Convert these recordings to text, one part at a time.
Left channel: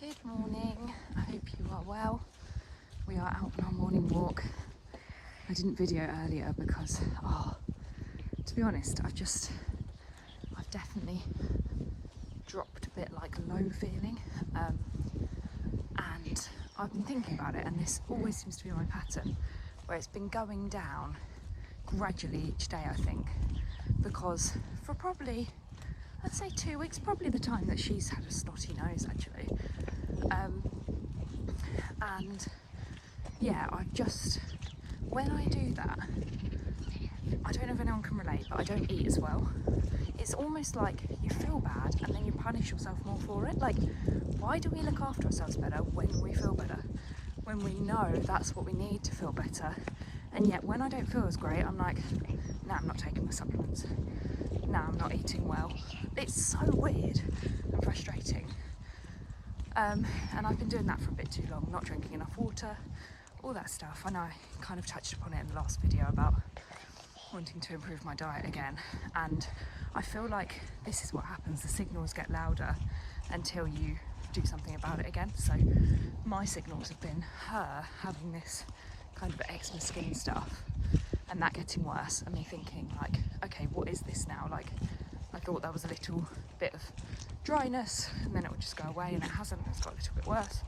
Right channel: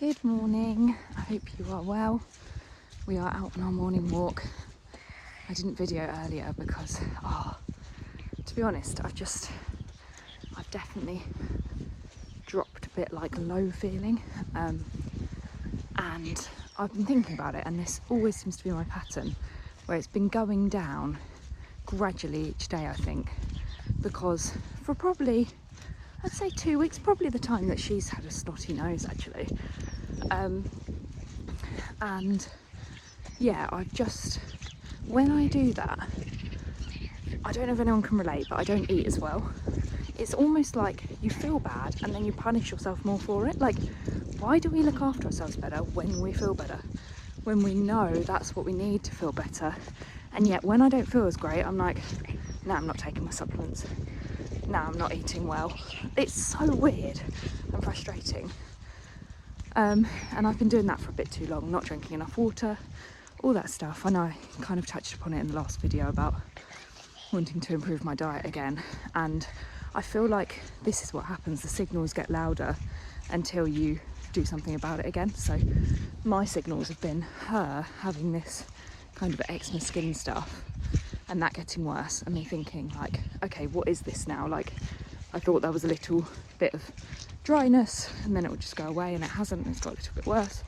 Good morning, I hope you are well. We are out on our morning walk. I didn't video earlier because, to be honest, I've definitely dropped a bit like low feeling, and I've been thinking about it, and this always seems to be my pattern, where it's been going down gradually each day, I think, because for probably, I'd say 2 weeks, probably the time that she's had a snotty nose actually. And yeah, when I do that, I don't know if anyone can relate, but I don't eat as well. It's almost like you feel bad and then you punish yourself more for it. Like, why do we look after ourselves better when we feel better? When we know that's what we need to feel better. And yet when I don't feel as great, I'm like, nah, I'm not taking my supplements. Nah, I'm not eating well. It's so weird and frustrating. And I've been doing that for a bit too long, not drinking enough water, all that stuff. I know I kind of touched upon it in the last video about wanting to improve my diet again, and I feel like this is what happens. The signals get louder until you do something about it again. So my signals have been her having this kind of eczema skin stuff and that getting worse, and me thinking like, okay, what is this now? Like, I thought there was a little bit of dryness and then it would just go away, and it hasn't. It's got a little bit worse.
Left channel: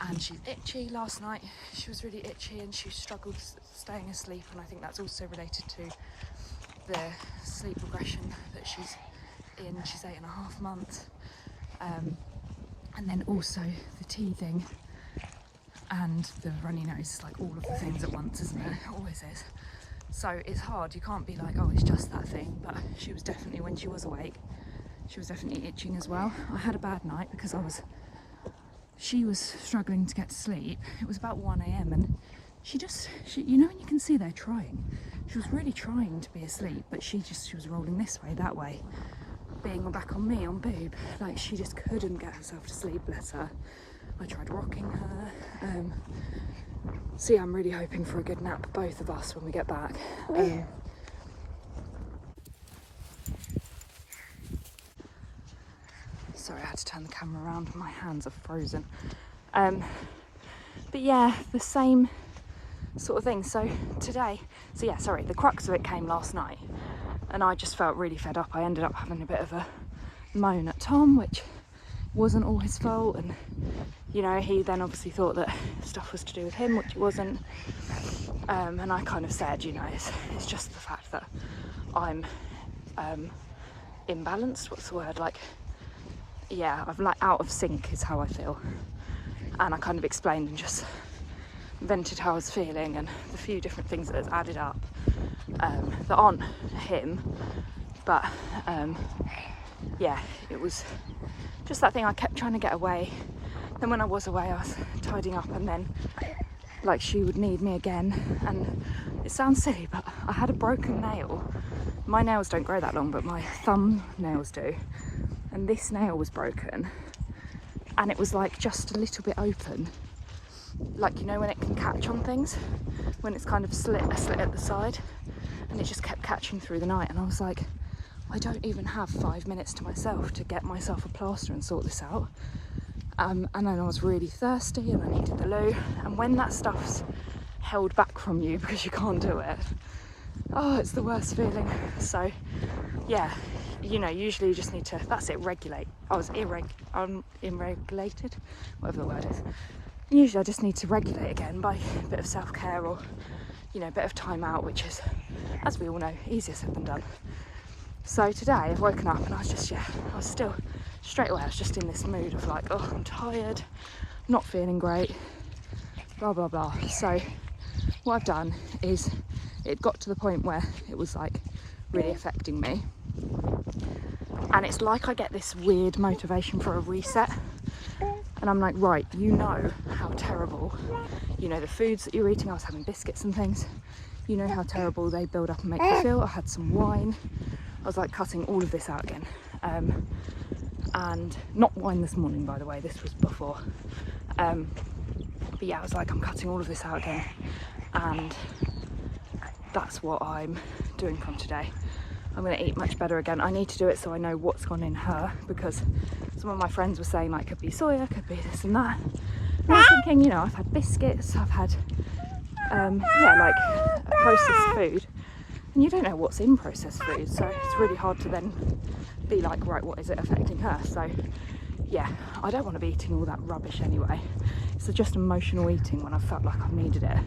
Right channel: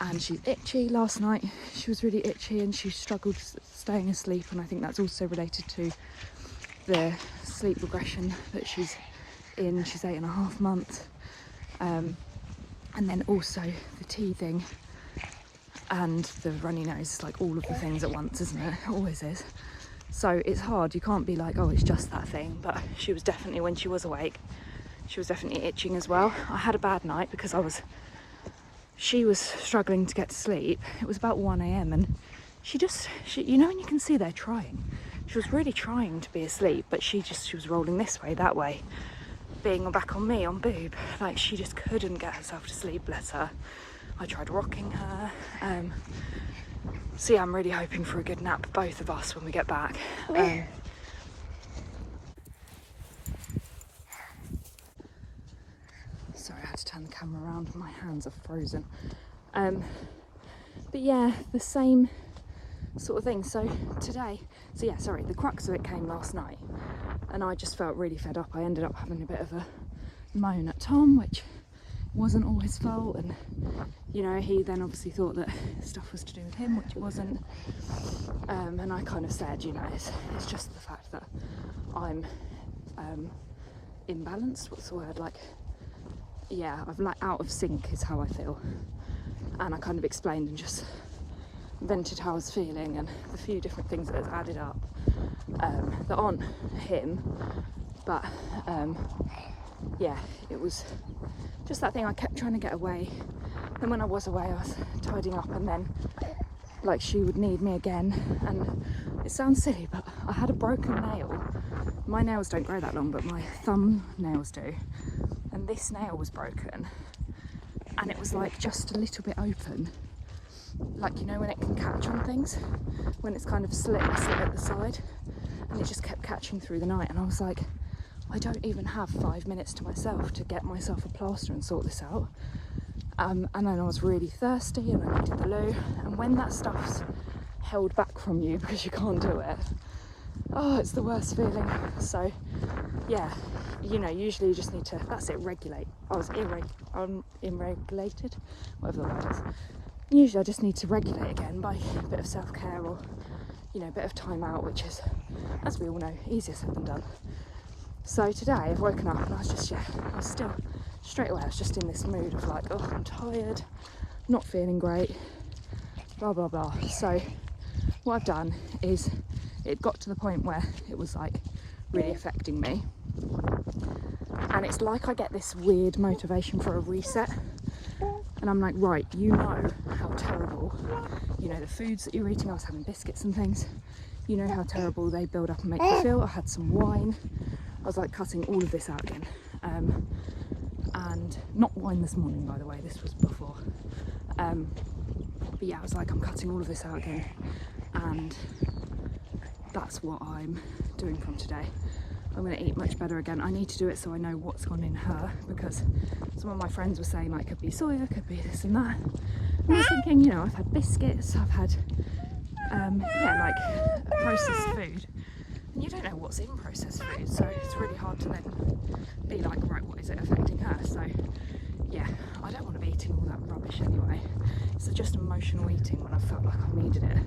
And she's itchy. Last night she was really itchy and she struggled staying asleep, and I think that's also related to the sleep regression that she's in. She's 8.5 months, and then also the teething and the runny nose. It's like all of the things at once, isn't it? It always is. So it's hard. You can't be like, oh, it's just that thing. But she was definitely, when she was awake, she was definitely itching as well. I had a bad night because she was struggling to get to sleep. It was about 1 AM and she you know when you can see they're trying. She was really trying to be asleep, but she was rolling this way, that way, being back on me, on boob. Like, she just couldn't get herself to sleep, bless her. I tried rocking her. So yeah, I'm really hoping for a good nap, both of us, when we get back. Sorry, I had to turn the camera around, my hands are frozen. But yeah, the same sort of thing. The crux of it came last night, and I just felt really fed up. I ended up having a bit of a moan at Tom, which wasn't all his fault, and you know, he then obviously thought that stuff was to do with him, which it wasn't. And I kind of said, you know, it's just the fact that I'm imbalanced. What's the word? Like, yeah, I'm like out of sync is how I feel. And I kind of explained and just vented how I was feeling and the few different things that has added up that aren't him, but yeah, it was just that thing. I kept trying to get away. Then when I was away, I was tidying up, and then like she would need me again. And it sounds silly, but I had a broken nail. My nails don't grow that long, but my thumb nails do. And this nail was broken, and it was like just a little bit open. Like, you know when it can catch on things? When it's kind of a slit at the side, and it just kept catching through the night. And I was like, I don't even have 5 minutes to myself to get myself a plaster and sort this out. And then I was really thirsty and I needed the loo. And when that stuff's held back from you because you can't do it, oh, it's the worst feeling. So yeah, you know, usually you just need to, that's it, regulate. I was unregulated, whatever the word is. Usually I just need to regulate again by a bit of self-care, or, you know, a bit of time out, which is, as we all know, easier said than done. So today I've woken up and I was still, straight away I was just in this mood of like, oh, I'm tired, not feeling great, blah, blah, blah. So what I've done is, it got to the point where it was like really affecting me. And it's like I get this weird motivation for a reset. And I'm like, right, you know how terrible, you know, the foods that you're eating. I was having biscuits and things. You know how terrible they build up and make you feel. I had some wine. I was like cutting all of this out again. And not wine this morning, by the way, this was before. But yeah, I was like, I'm cutting all of this out again. And that's what I'm doing from today. I'm going to eat much better again. I need to do it so I know what's gone in her, because it's some of my friends were saying like could be soya, could be this and that. And I was thinking, you know, I've had biscuits, I've had yeah, like processed food, and you don't know what's in processed food, so it's really hard to then be like, right, what is it affecting her? So yeah, I don't want to be eating all that rubbish anyway. It's just emotional eating when I felt like I've needed it,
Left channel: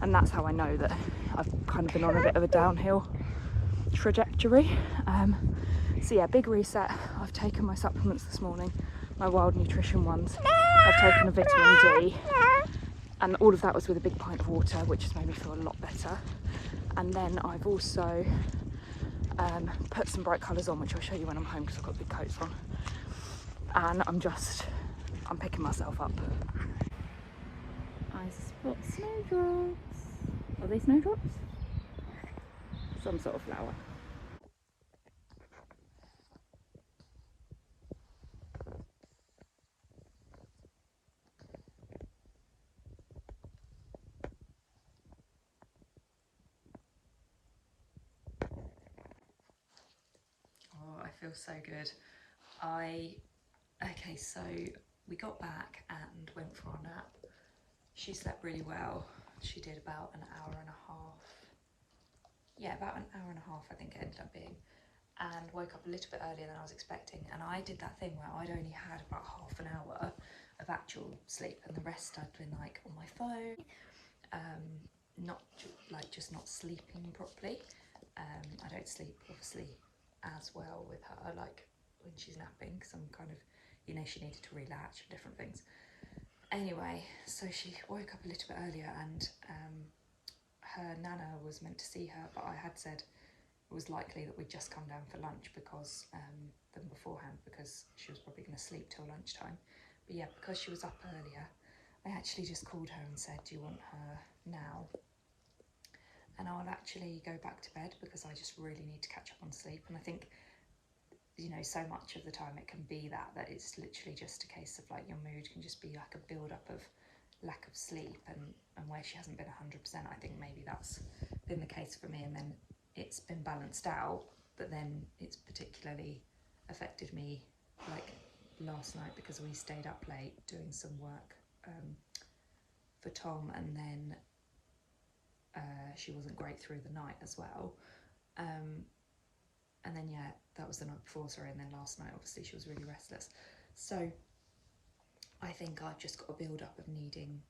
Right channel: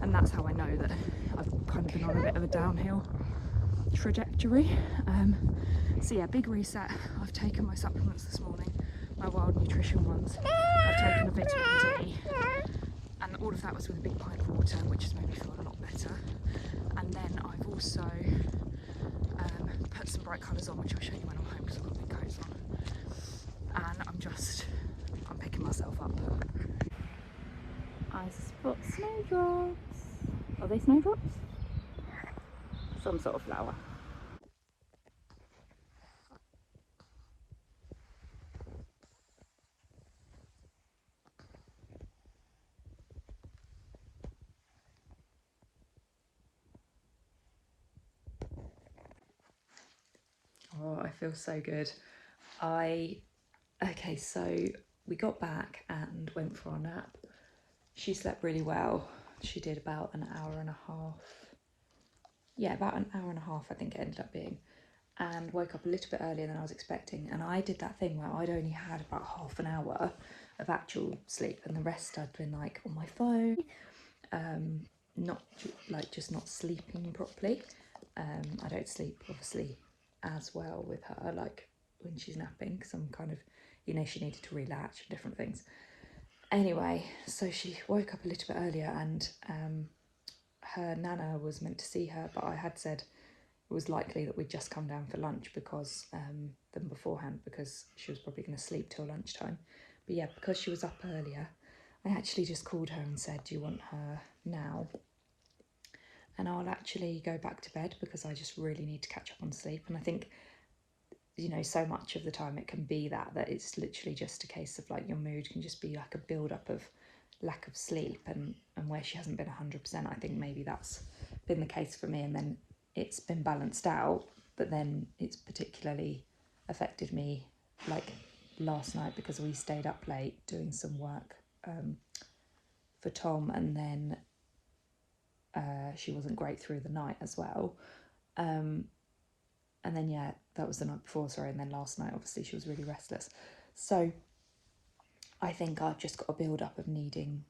and that's how I know that I've kind of been on a bit of a downhill trajectory. So yeah, big reset. I've taken my supplements this morning, my wild nutrition ones. I've taken a vitamin D, and all of that was with a big pint of water, which has made me feel a lot better. And then I've also put some bright colours on, which I'll show you when I'm home because I've got big coats on. And I'm picking myself up. I spot snowdrops. Are they snowdrops? Some sort of flower. Oh, I feel so good. Okay, so we got back and went for our nap. She slept really well. She did about an hour and a half. Yeah, about an hour and a half I think it ended up being. And woke up a little bit earlier than I was expecting. And I did that thing where I'd only had about half an hour of actual sleep, and the rest I'd been like on my phone, just not sleeping properly. I don't sleep obviously as well with her, like when she's napping, because I'm kind of, you know, she needed to relatch and different things. Anyway, so she woke up a little bit earlier, and her nana was meant to see her, but I had said it was likely that we'd just come down for lunch because them beforehand, because she was probably going to sleep till lunchtime. But yeah, because she was up earlier, I actually just called her and said, do you want her now? And I'll actually go back to bed because I just really need to catch up on sleep. And I think, you know, so much of the time it can be that it's literally just a case of like your mood can just be like a build up of lack of sleep, and where she hasn't been 100%, I think maybe that's been the case for me, and then it's been balanced out, but then it's particularly affected me like last night because we stayed up late doing some work for Tom, and then she wasn't great through the night as well. And then yeah, that was the night before, sorry, and then last night obviously she was really restless. So I think I've just got a build up of needing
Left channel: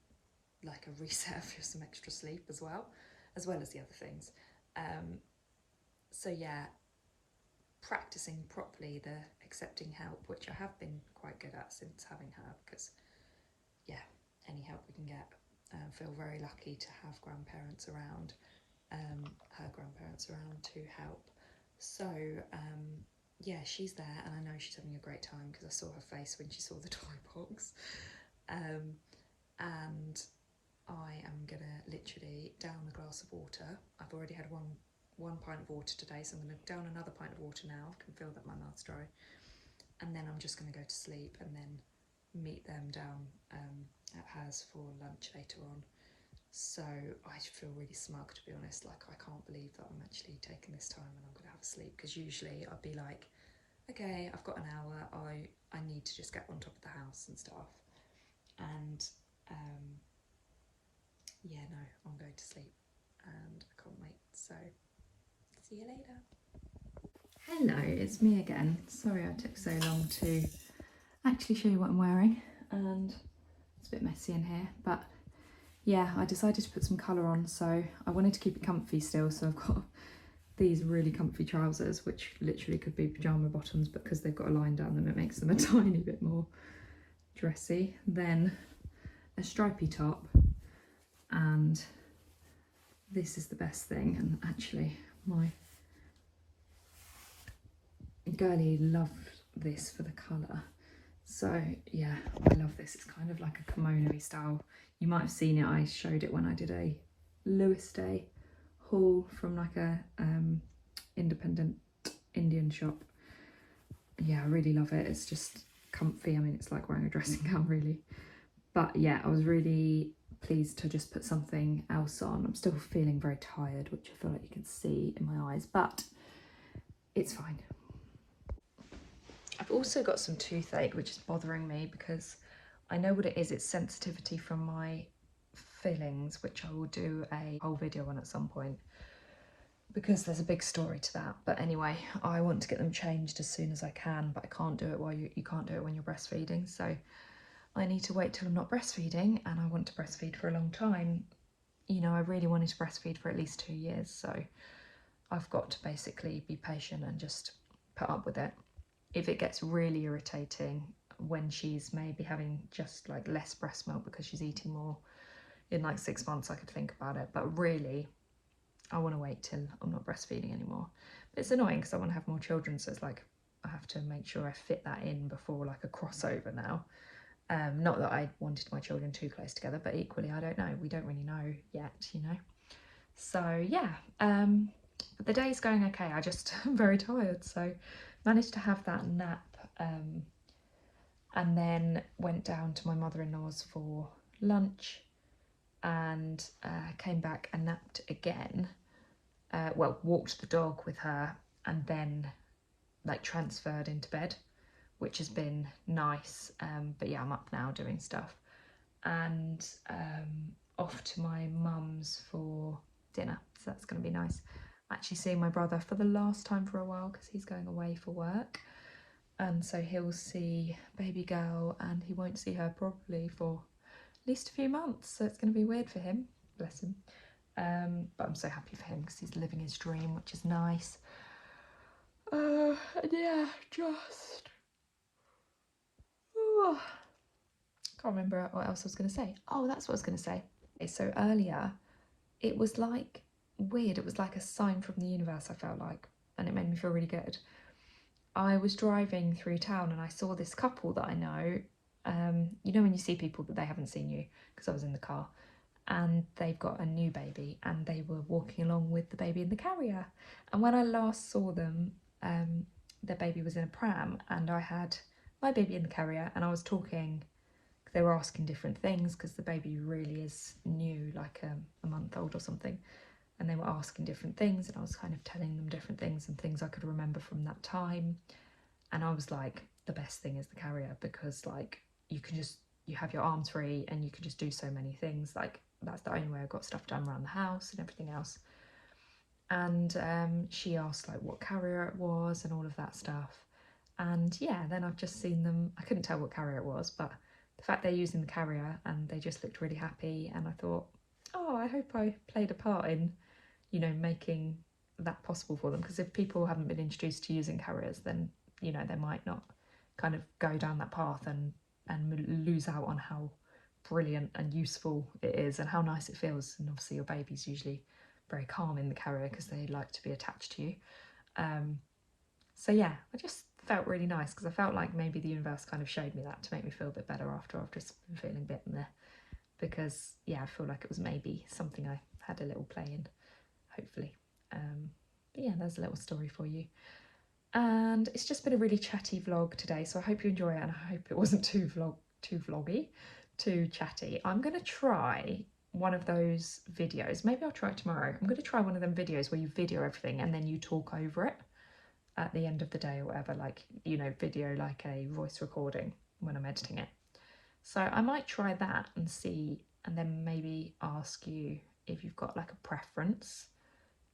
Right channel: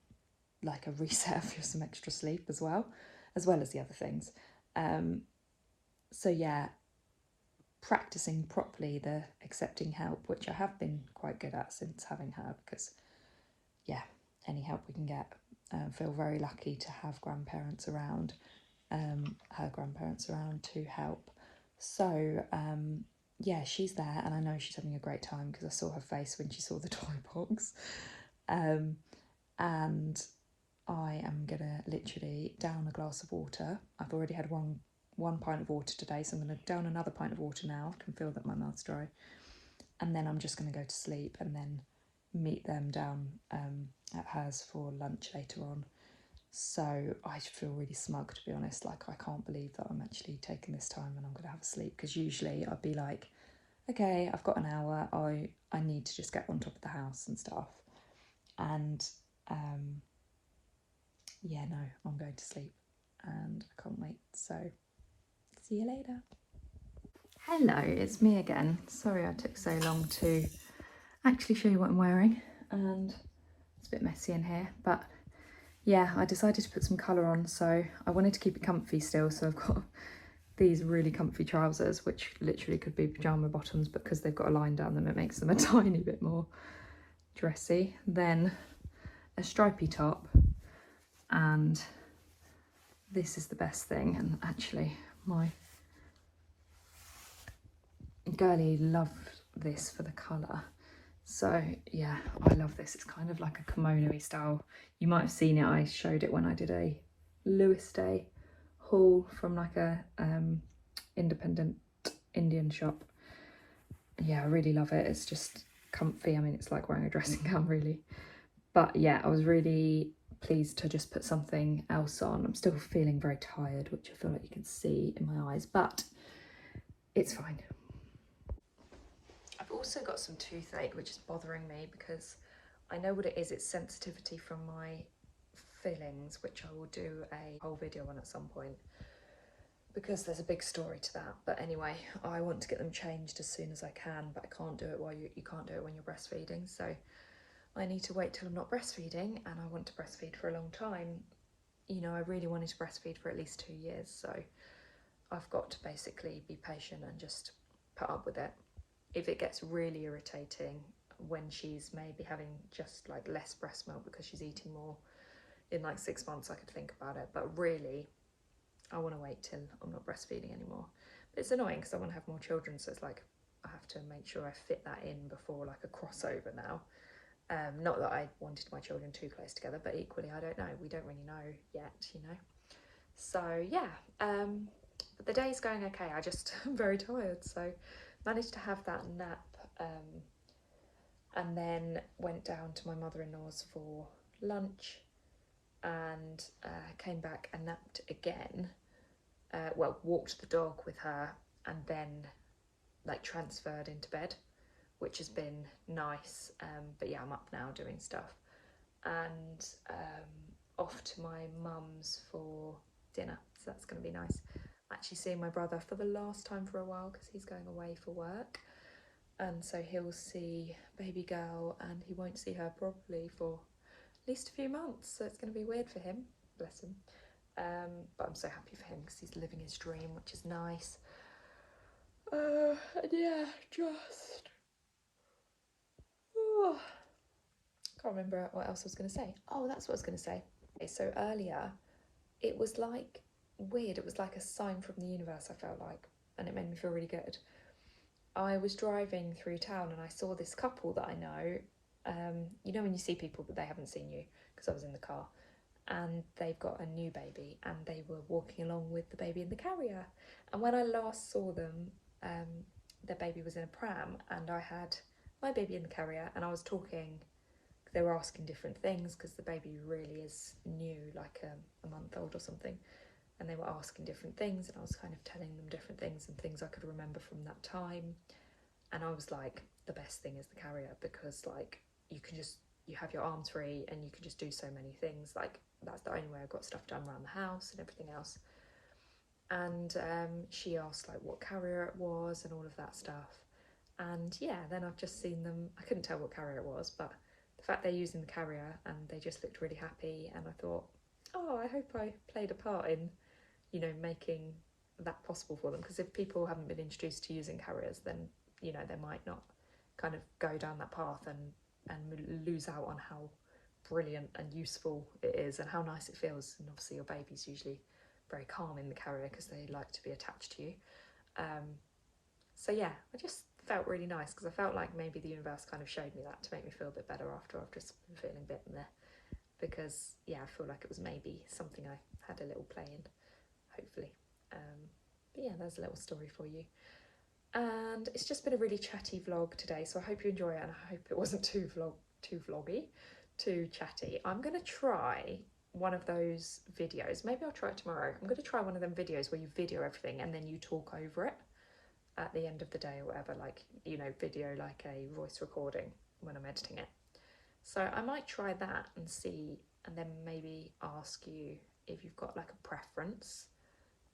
like a reset for some extra sleep as well as the other things. So yeah, practicing properly the accepting help, which I have been quite good at since having her, because yeah, any help we can get. Feel very lucky to have grandparents around, her grandparents around to help. So yeah, she's there, and I know she's having a great time because I saw her face when she saw the toy box. And I am gonna literally down a glass of water. I've already had one pint of water today, so I'm gonna down another pint of water now. I can feel that my mouth's dry, and then I'm just gonna go to sleep and then meet them down at hers for lunch later on. So I feel really smug, to be honest. Like, I can't believe that I'm actually taking this time and I'm gonna have a sleep, because usually I'd be like, okay, I've got an hour, I need to just get on top of the house and stuff. And yeah, no, I'm going to sleep and I can't wait. So see you later. Hello, it's me again. Sorry I took so long to actually show you what I'm wearing, and it's a bit messy in here, but yeah, I decided to put some colour on, so I wanted to keep it comfy still, so I've got these really comfy trousers, which literally could be pyjama bottoms, but because they've got a line down them, it makes them a tiny bit more dressy. Then a stripy top, and this is the best thing, and actually my girlie loved this for the colour. So yeah, I love this. It's kind of like a kimono-y style. You might have seen it, I showed it when I did a Lewis Day haul from like a independent Indian shop. Yeah, I really love it. It's just comfy. I mean, it's like wearing a dressing gown really. But yeah, I was really pleased to just put something else on. I'm still feeling very tired, which I feel like you can see in my eyes, but it's fine. I've also got some toothache, which is bothering me because I know what it is. It's sensitivity from my fillings, which I will do a whole video on at some point because there's a big story to that. But anyway, I want to get them changed as soon as I can, but I can't do it while you can't do it when you're breastfeeding. So I need to wait till I'm not breastfeeding, and I want to breastfeed for a long time. You know, I really wanted to breastfeed for at least 2 years, so I've got to basically be patient and just put up with it. If it gets really irritating when she's maybe having just like less breast milk because she's eating more in like 6 months, I could think about it, but really I want to wait till I'm not breastfeeding anymore. But it's annoying because I want to have more children, so it's like I have to make sure I fit that in before like a crossover now. Not that I wanted my children too close together, but equally I don't know, we don't really know yet, you know. So yeah, but the day's going okay. I just am very tired, so managed to have that nap, and then went down to my mother-in-law's for lunch, and came back and napped again. Well, walked the dog with her, and then like transferred into bed, which has been nice. But yeah, I'm up now doing stuff, and off to my mum's for dinner, so that's going to be nice. I'm actually seeing my brother for the last time for a while because he's going away for work, and so he'll see baby girl and he won't see her probably for at least a few months, so it's going to be weird for him, bless him. But I'm so happy for him because he's living his dream, which is nice. And yeah, just can't remember what else I was going to say. Oh, that's what I was going to say. Okay, so earlier it was like weird, it was like a sign from the universe, I felt like, and it made me feel really good. I was driving through town and I saw this couple that I know. You know when you see people but they haven't seen you, because I was in the car, and they've got a new baby and they were walking along with the baby in the carrier. And when I last saw them, their baby was in a pram and I had my baby in the carrier, and I was talking, they were asking different things because the baby really is new, like a month old or something, and they were asking different things, and I was kind of telling them different things and things I could remember from that time. And I was like, the best thing is the carrier, because like you have your arms free and you can just do so many things. Like that's the only way I've got stuff done around the house and everything else. And she asked like what carrier it was and all of that stuff. And yeah, then I've just seen them, I couldn't tell what carrier it was, but the fact they're using the carrier and they just looked really happy, and I thought, oh, I hope I played a part in, you know, making that possible for them, because if people haven't been introduced to using carriers, then, you know, they might not kind of go down that path and lose out on how brilliant and useful it is and how nice it feels. And obviously your baby's usually very calm in the carrier because they like to be attached to you. So yeah, I just felt really nice because I felt like maybe the universe kind of showed me that to make me feel a bit better after I've just been feeling a bit in there, because yeah, I feel like it was maybe something I had a little play in, hopefully. But yeah, there's a little story for you. And it's just been a really chatty vlog today, so I hope you enjoy it, and I hope it wasn't too vloggy, too chatty. I'm going to try one of those videos. Maybe I'll try it tomorrow. I'm going to try one of them videos where you video everything and then you talk over it at the end of the day or whatever, like, you know, video like a voice recording when I'm editing it. So I might try that and see, and then maybe ask you if you've got like a preference,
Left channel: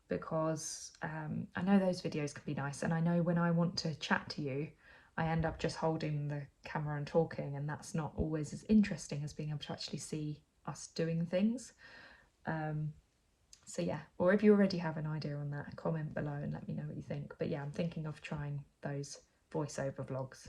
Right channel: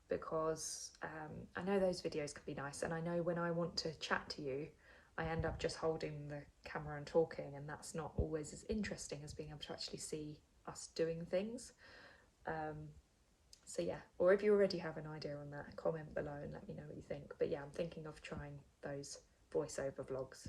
because I know those videos can be nice, and I know when I want to chat to you, I end up just holding the camera and talking, and that's not always as interesting as being able to actually see us doing things. So yeah, or if you already have an idea on that, comment below and let me know what you think. But yeah, I'm thinking of trying those voiceover vlogs.